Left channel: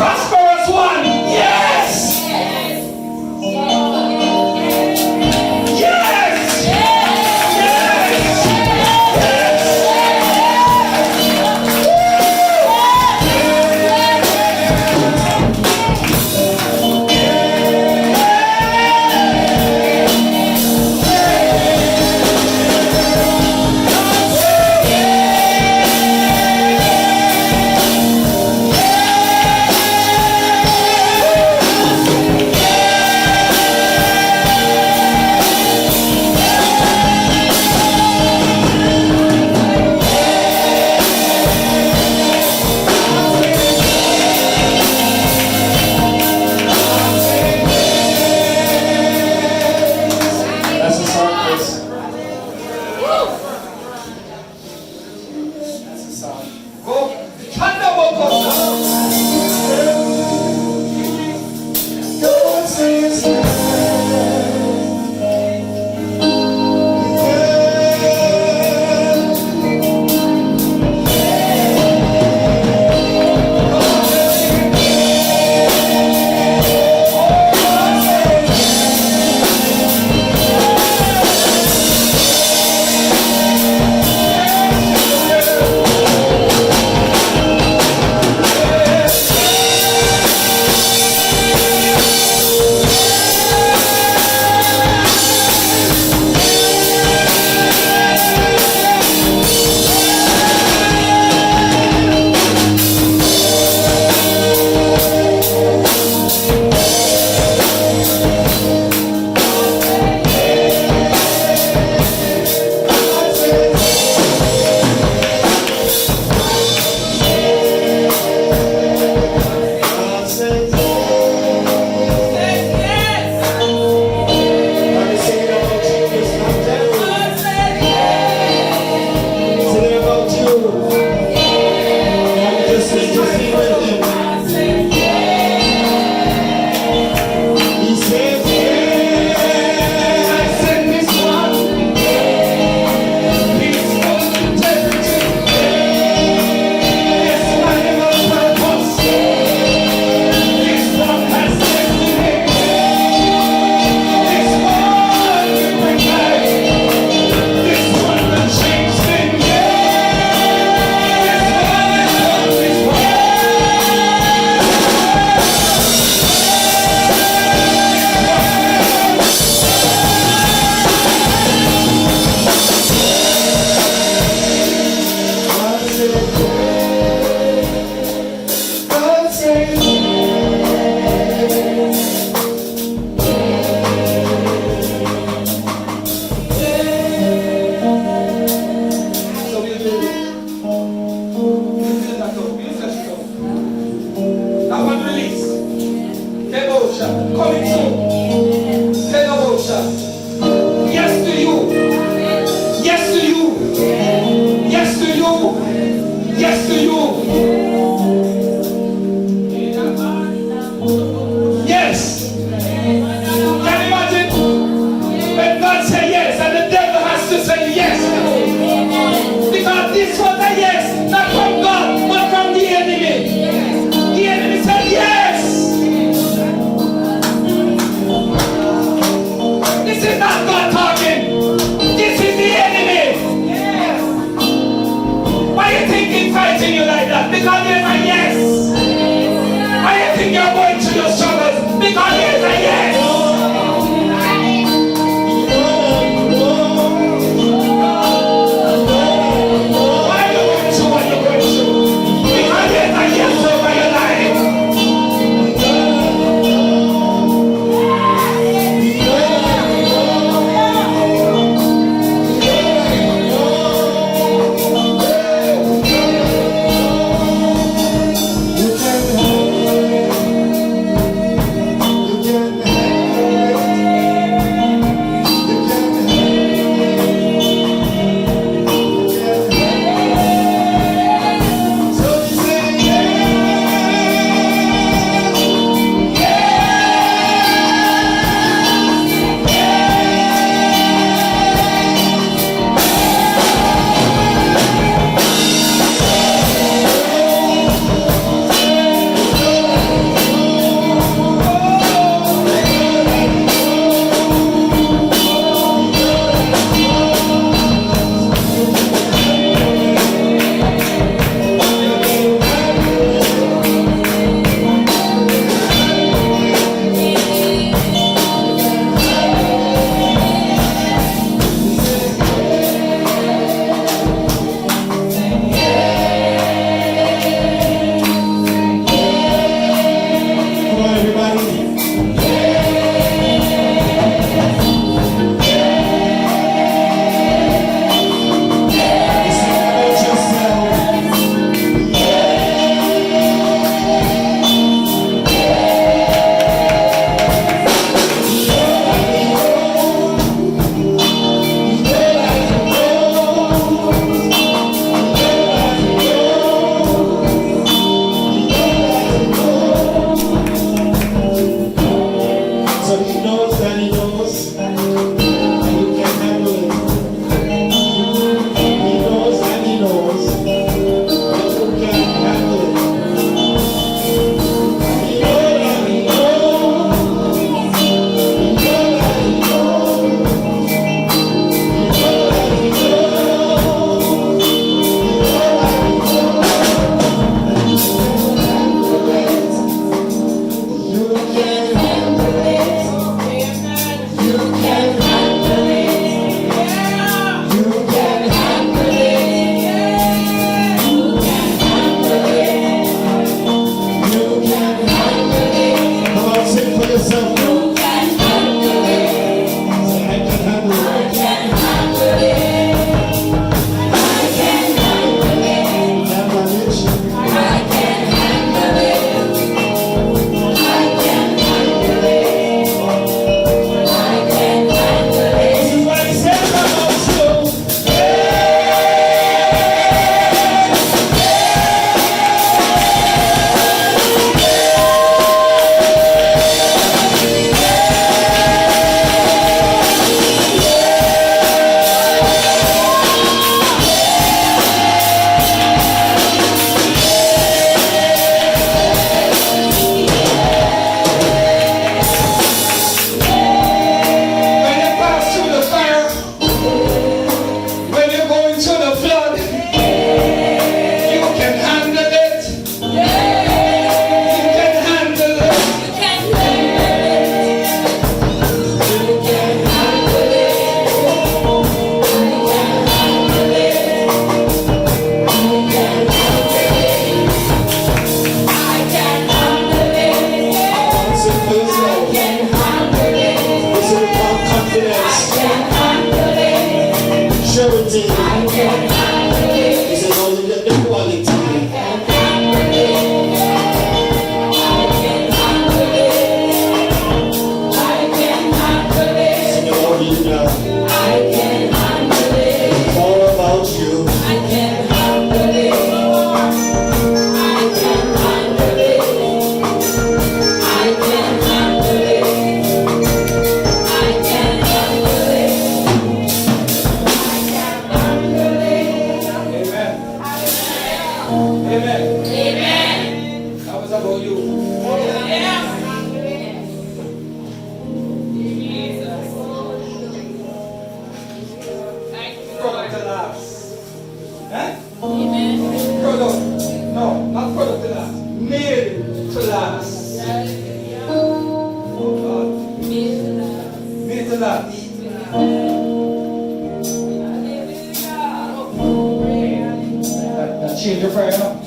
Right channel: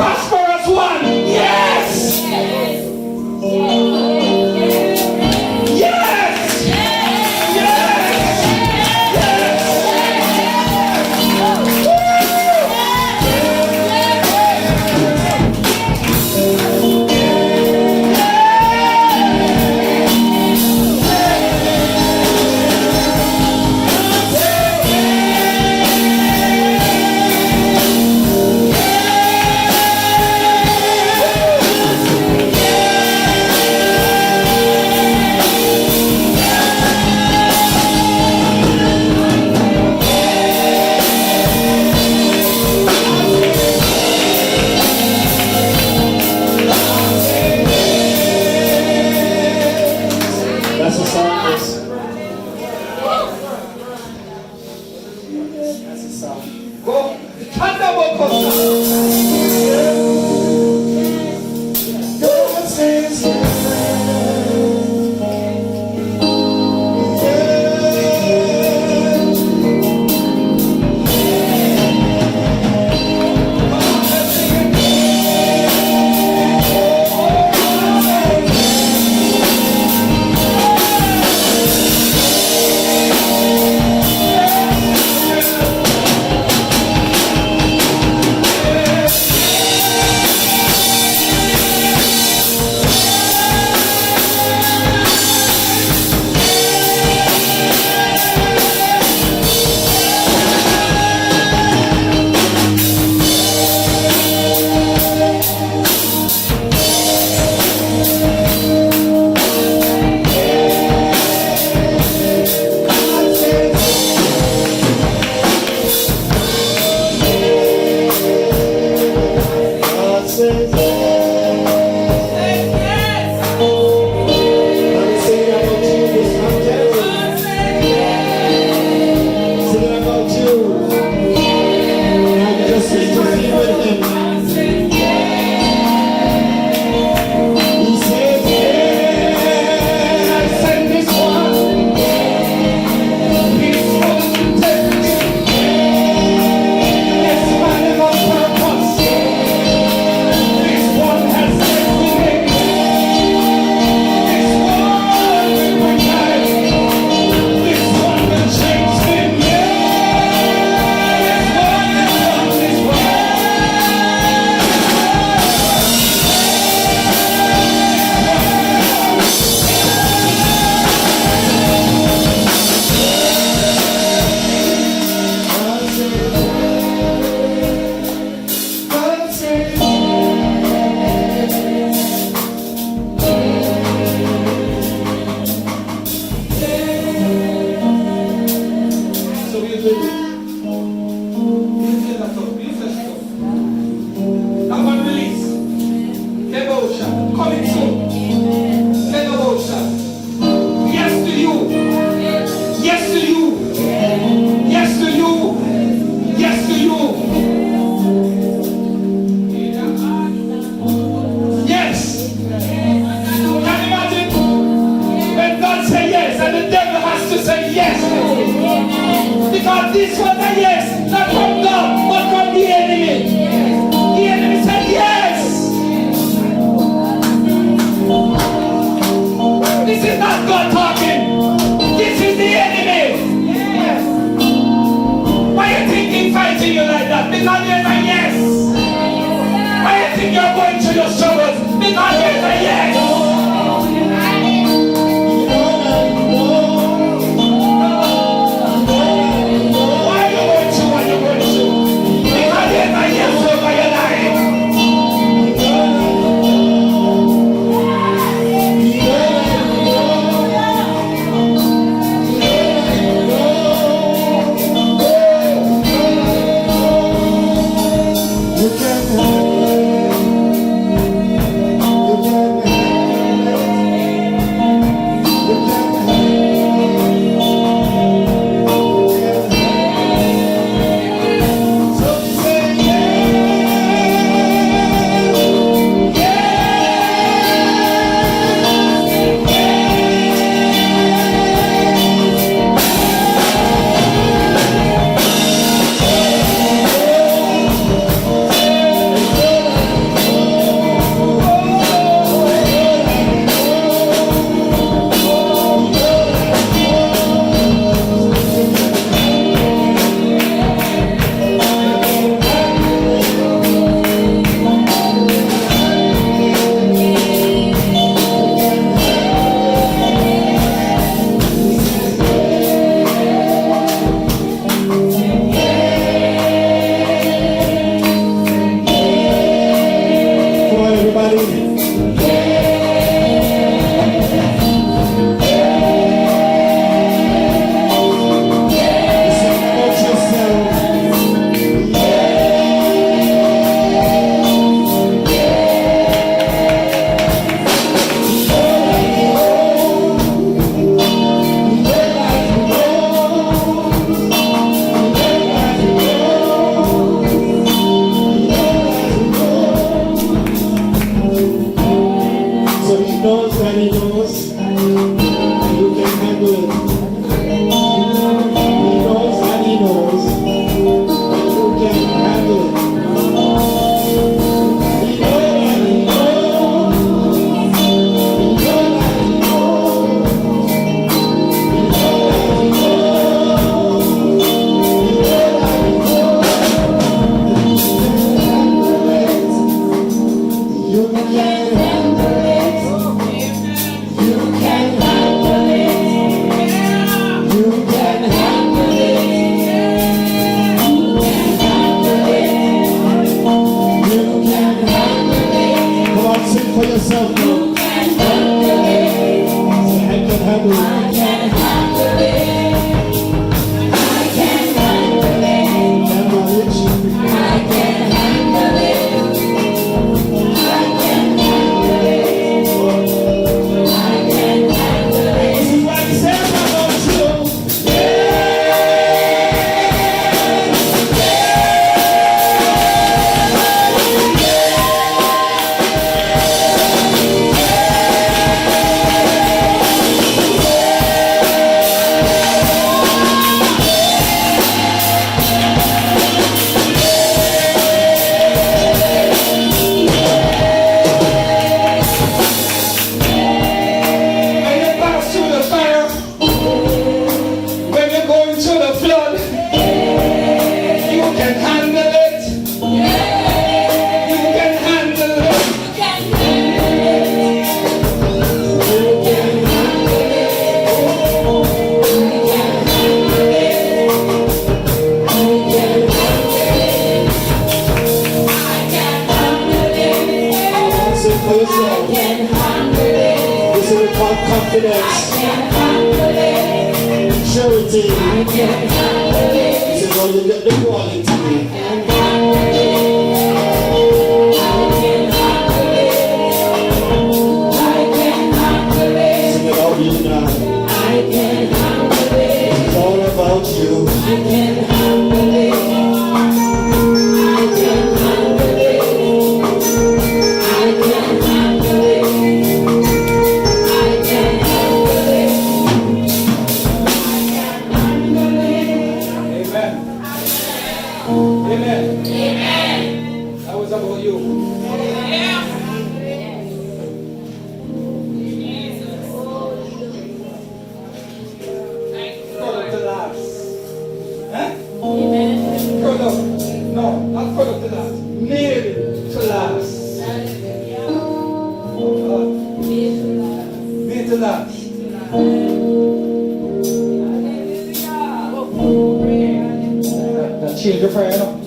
prosperous one. Yes. Yes. on, everybody. Change your prayer now.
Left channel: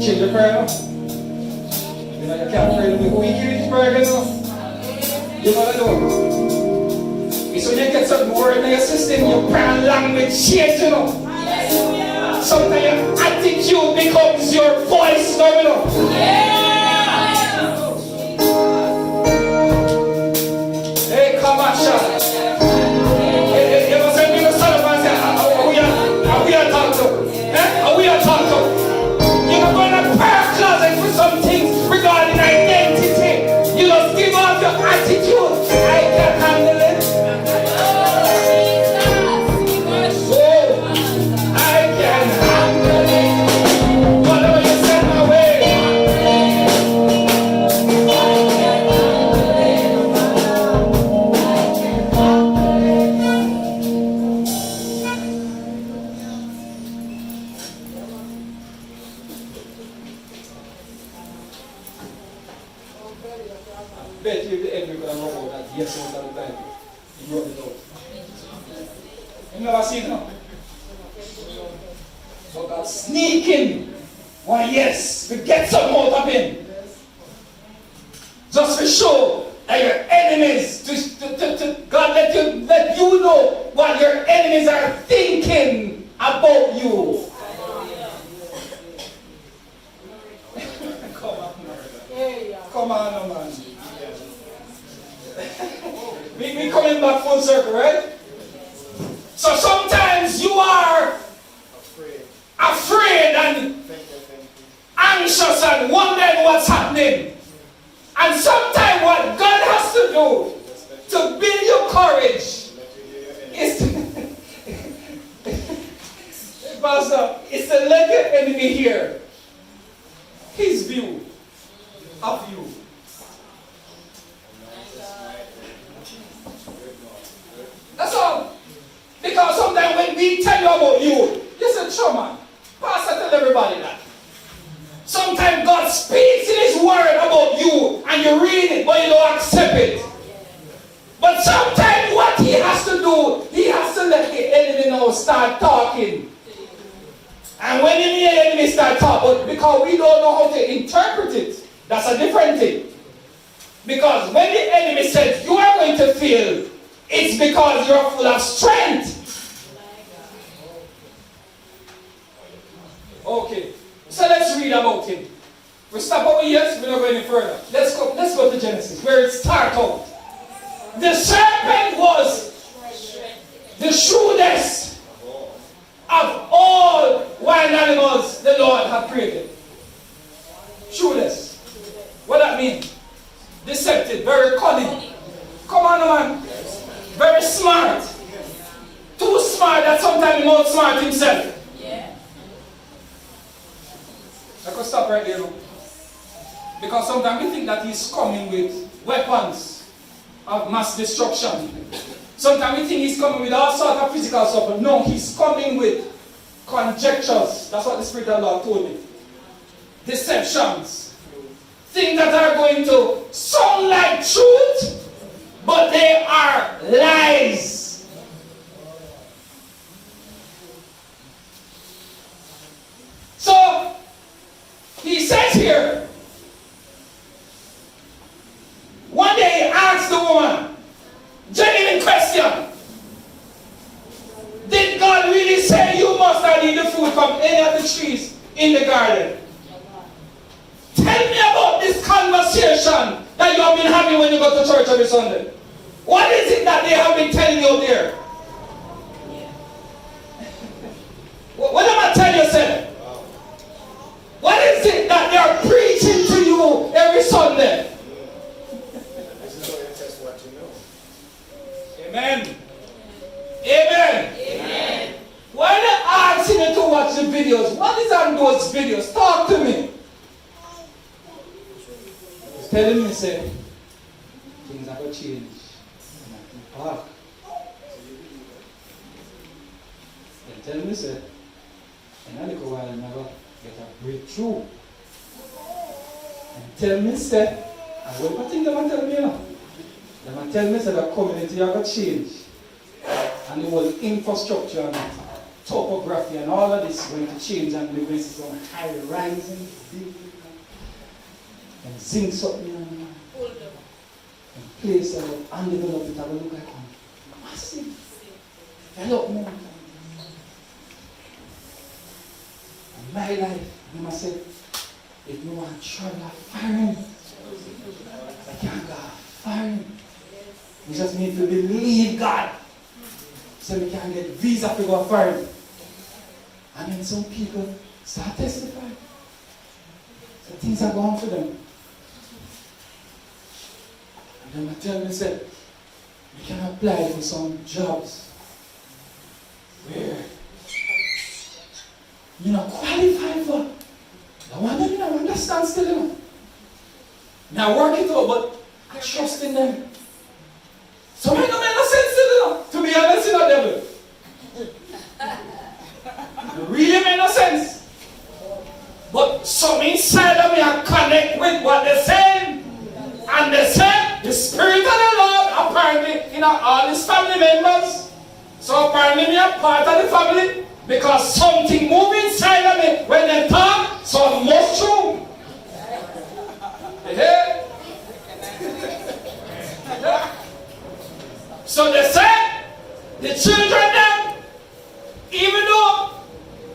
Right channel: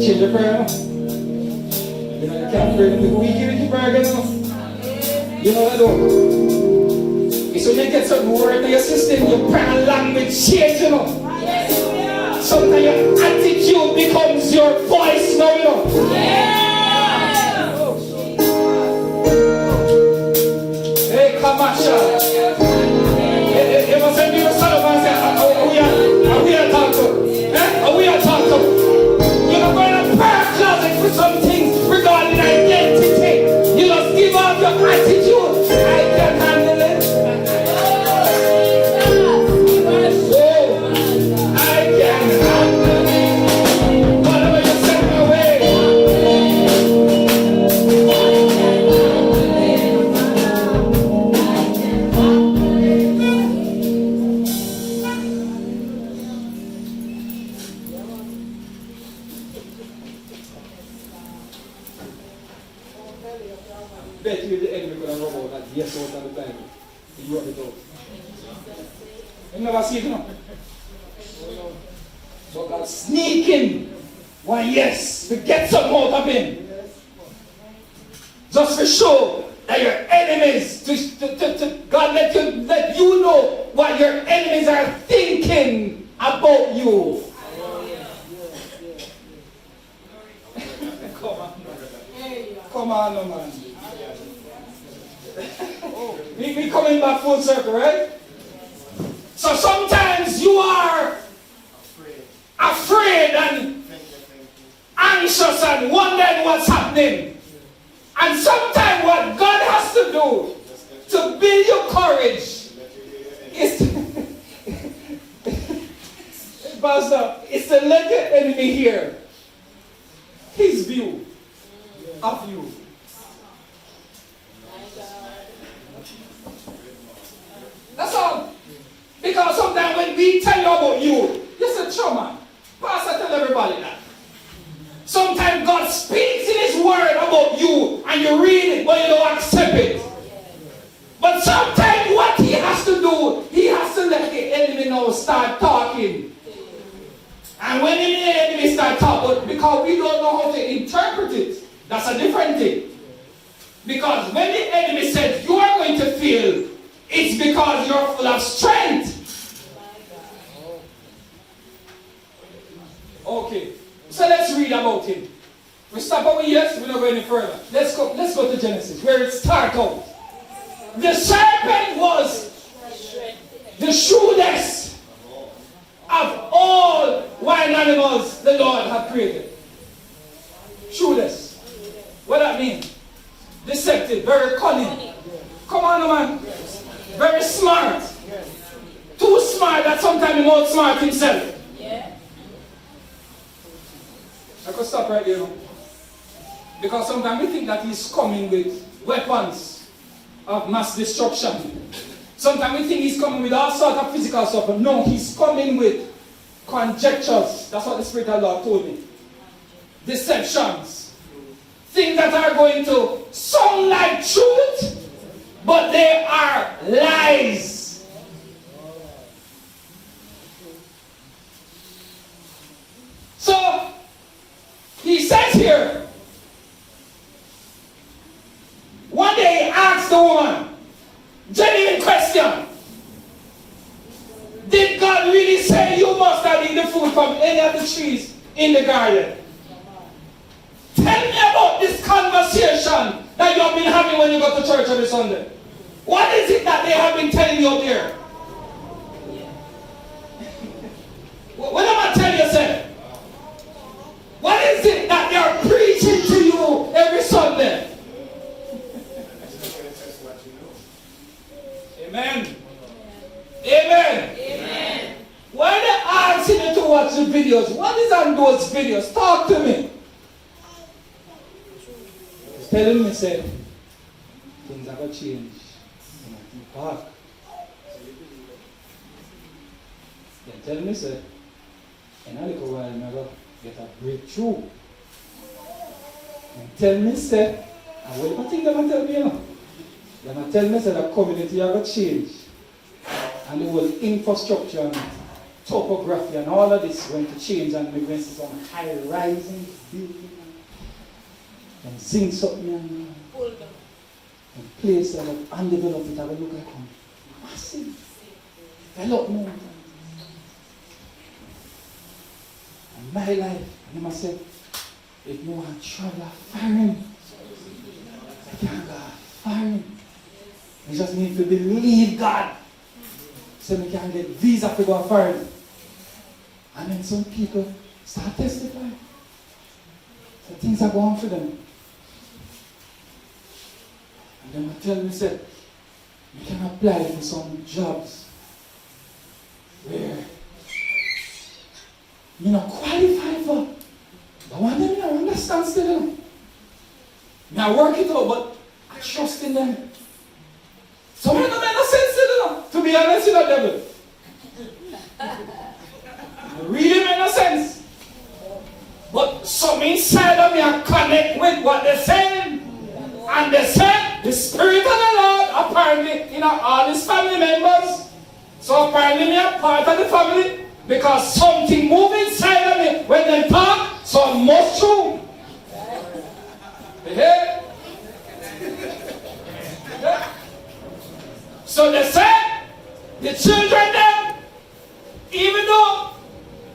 Change your prayer now. You know, you can't pray to we hear your prayer again now. You know what I do? So you get some word in your system, your prayer language change, you know. Sometimes your attitude becomes your voice now, you know. Hey, come on, Charlotte. You know, some people stand up and say, are we talking to? Are we talking to? You're not going to prayer closet for some things regarding identity. You just give up your attitude. I can handle it. Oh, I can handle it. Whatever you send my way. Bet you the end we're going to rub out that yes all the time. You brought it out. You never see it now? So God sneaking. Why yes, we get something out of him. Just to show that your enemies, God let you know what your enemies are thinking about you. Come on, no man. We coming back full circle, right? So sometimes you are afraid and anxious and wondering what's happening. And sometimes what God has to do to build your courage is to let the enemy hear his view of you. That's all. Because sometimes when we tell you about you say, sure man, Pastor tell everybody that. Sometimes God speaks in His Word about you and you read it but you don't accept it. But sometimes what He has to do, He has to let the enemy know start talking. And when the enemy start talking, because we don't know how to interpret it, that's a different thing. Because when the enemy says you are going to fail, it's because you're full of strength. Okay, so let's read about him. We stop over here, so we're not going any further. Let's go to Genesis, where it starts out. The serpent was the shrewdest of all wild animals the Lord had created. Shrewdest. What that mean? Deceptive, very cunning. Come on, man. Very smart. Too smart that sometimes he not smart himself. I could stop right there. Because sometimes we think that he's coming with weapons of mass destruction. Sometimes we think he's coming with all sorts of physical stuff. But no, he's coming with conjectures. That's what the Spirit of the Lord told me. Deceptions. Things that are going to sound like truth, but they are lies. So, he says here, one day he asked the woman, genuine question, did God really say you must not eat the fruit from any of the trees in the garden? Tell me about this conversation that you have been having when you go to church every Sunday. What is it that they have been telling you there? What am I telling you, sir? What is it that they are preaching to you every Sunday? Amen. Amen. Amen. Why they asking you to watch the videos? What is on those videos? Talk to me. He's telling me, say, things have to change. Hard. They're telling me, say, in a little while, I'm going to get a breakthrough. And tell me, say, I will not think them and tell me, you know. They tell me, say, the community have to change. And the whole infrastructure and topography and all of this going to change, and we're going to see some high-rising buildings and zinc something and place of undeveloped, it will look like a massive development. And my life, and I said, if you want to travel foreign, you can't go foreign. You just need to believe God. So we can get visa to go foreign. And then some people start testifying. So things are going for them. And then I tell me, say, you can apply for some jobs where you're not qualified for. The one that you don't understand still. Now work it out, but I trust in them. So it don't make no sense to be honest, you know, devil. It really make no sense. But some inside of me I connect with what they're saying. And they say the Spirit of the Lord apparently, all his family members. So apparently me a part of the family because something moves inside of me when they talk, so I must true. Hey. So they said, the children them, even though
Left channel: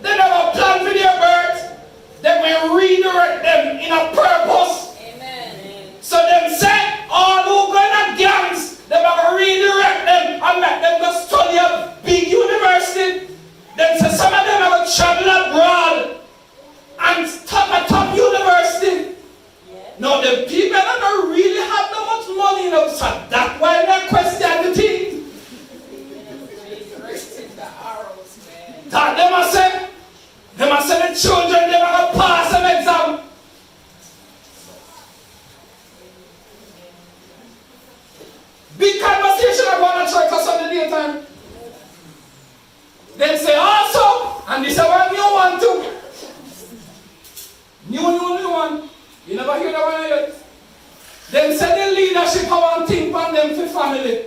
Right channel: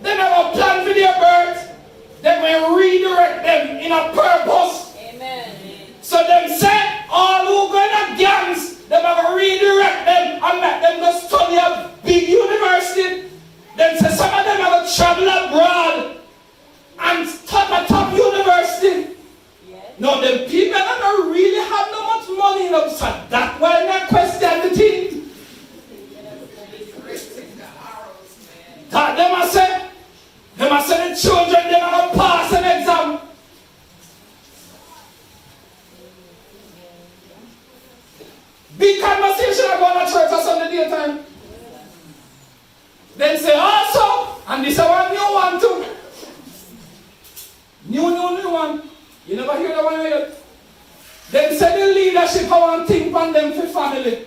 they never planned for their birth, they will redirect them in a purpose. Amen. So them said, all who go in gangs, they will redirect them and make them go study a big university. Then say some of them will travel abroad and start a top university. Now the people that don't really have no much money in them, so that's why they question the thing. That they must say the children, they must pass an exam. Big conversation about the church on Sunday daytime. Then say also, and this is one new one too. New one. You never hear that one yet. Then say the leadership have one thing on them for family.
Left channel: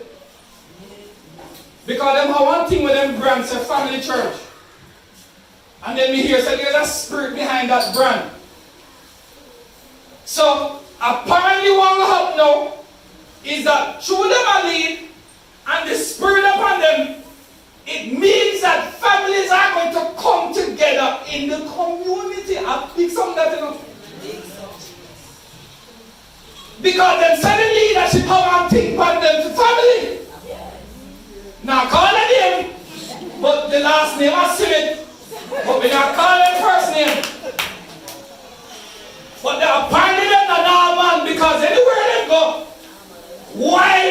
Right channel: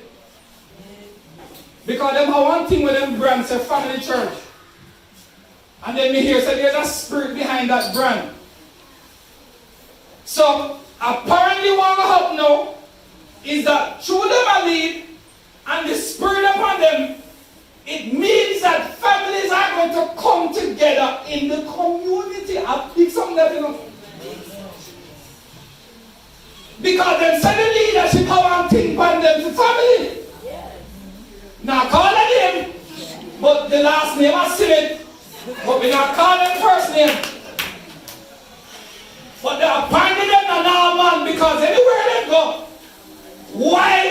Because them have one thing with them brands, a family church. And then me hear say there's a spirit behind that brand. So apparently what will happen now is that through them a lead and the spirit upon them, it means that families are going to come together in the community. I pick something that you know. Because then say the leadership have one thing upon them to family. Now call it him, but the last name I see it. But we not calling first name. But they are finding them a man because anywhere they go, why?